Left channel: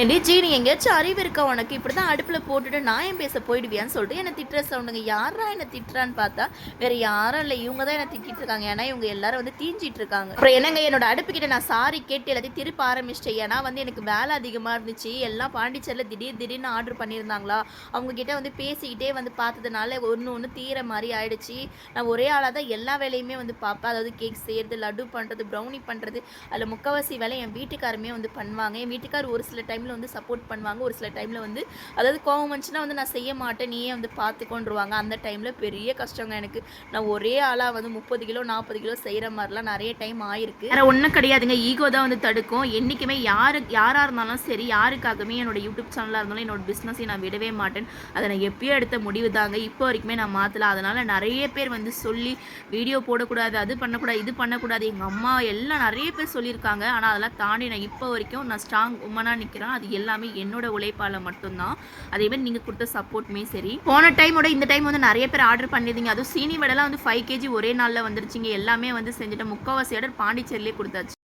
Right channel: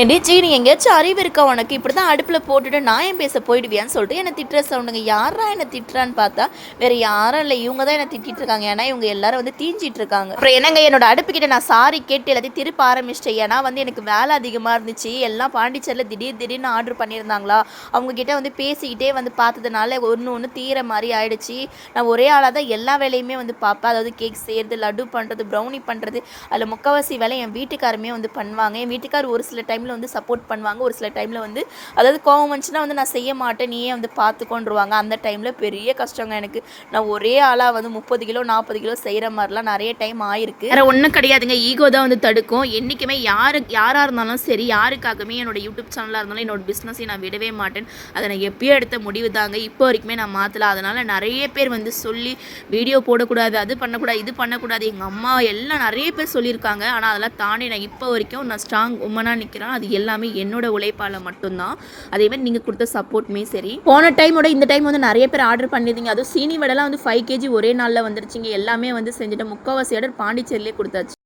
ஏண்டி நீ எங்கேயாச்சும் அறிவு இருக்கா உனக்கு? இப்படி தான் அடுப்பில் போட்டுட்டு நான் ஏன் பேச போயிடுவியான்னு சொல்லிட்டு என்னை திட்டுற சவுண்டுங்க. யாரா என்னை திட்டுறான்னு பார்த்தா வேறு யாரும் இல்லை, இவங்க தான் என்னை திட்டிட்டு இருக்காங்க. ஏன்னா இவங்க எல்லாரும் வந்து தீஞ்சிட்டு இருக்காங்க. அப்புறம் என்னங்க, என்னோட அடுப்புக்கிட்ட நான் சாரி கேட்டு எல்லாத்தையும் திருப்ப ஆரம்பிச்சிட்டேன். ஏன்னா வந்து எனக்கு வேலை அதிகமாக இருந்துச்சு. எல்லாம் பாண்டிச்சேரியில் திடீர்னு ஆர்டர் பண்ணியிருந்தாங்களா, அவங்கக்கிட்ட வந்து பேசிக்கிட்டே வந்து பார்த்ததுனால ஒன்று தீர மாதிரி ஆயிடுச்சு. நான் ஒரே ஆளாக தான் எல்லா வேலையுமே வந்து பார்ப்பேன். அதாவது கேக் செய்கிறது, லட்டு பண்ணுறது, ப்ரௌனி பண்ணுறது, அதில் முக்கால்வாசி வேலை என் வீட்டுக்காரமே வந்து பண்ணுவாங்க. என் வீட்டுக்கார் ஒரு சில டைமில் வந்து சப்போர்ட் பண்ணுவாங்க, ஒரு சில டைமில் வந்து அதாவது கோவம் வந்துச்சுன்னா வந்து நான் செய்ய மாட்டேன், நீயே வந்து பார்த்துக்கொண்டுருவாங்க. அந்த டைமில் பெரிய கஷ்டங்க எனக்கு. நான் ஒரே ஆளாக வந்து 30 கிலோ 40 கிலோ செய்கிற மாதிரிலாம் நிறைய டைம் ஆயிருக்கு. வேறு ஒன்றும் கிடையாதுங்க, ஈகோ தான் வந்து தடுக்கும். என்றைக்குமே யாராக இருந்தாலும் சரி, யாருக்காகவுமே என்னோட யூடியூப் சேனலாக இருந்தாலும் என்னோட பிஸ்னஸை நான் விடவே மாட்டேன். அதை நான் எப்பயோ எடுத்த முடிவு தாங்க, இப்போ வரைக்குமே நான் மாற்றல. அதனால் நிறைய பேர் வந்து சொல்லி வீடியோ போடக்கூடாது, அது பண்ணக்கூடாது, இது பண்ணக்கூடாது, எங்கள் அம்மா எல்லாம் நிறைய பேர் சொல்லியிருக்காங்க. ஆனால் அதெல்லாம் தாண்டி நான் இப்போ வரைக்கும் நான் ஸ்ட்ராங் உமனாக நிற்கிறேன். அது எல்லாமே என்னோட உழைப்பால் மட்டும்தான். அதேமாதிரி நீங்கள் கொடுத்த சப்போர்ட்டுமே சரி. போன டைமோட இந்த டைம் வந்து நிறைய பேர் ஆர்டர் பண்ணியிருந்தீங்க. அதுவும் சீனி வடைலாம் வந்து 5 kg ஒரே நாளில் வந்துருச்சிங்க. எல்லாமே வந்து செஞ்சுட்டேன். முக்கால்வாசி ஆர்டர் பாண்டிச்சேரியிலே கொடுத்தாச்சு.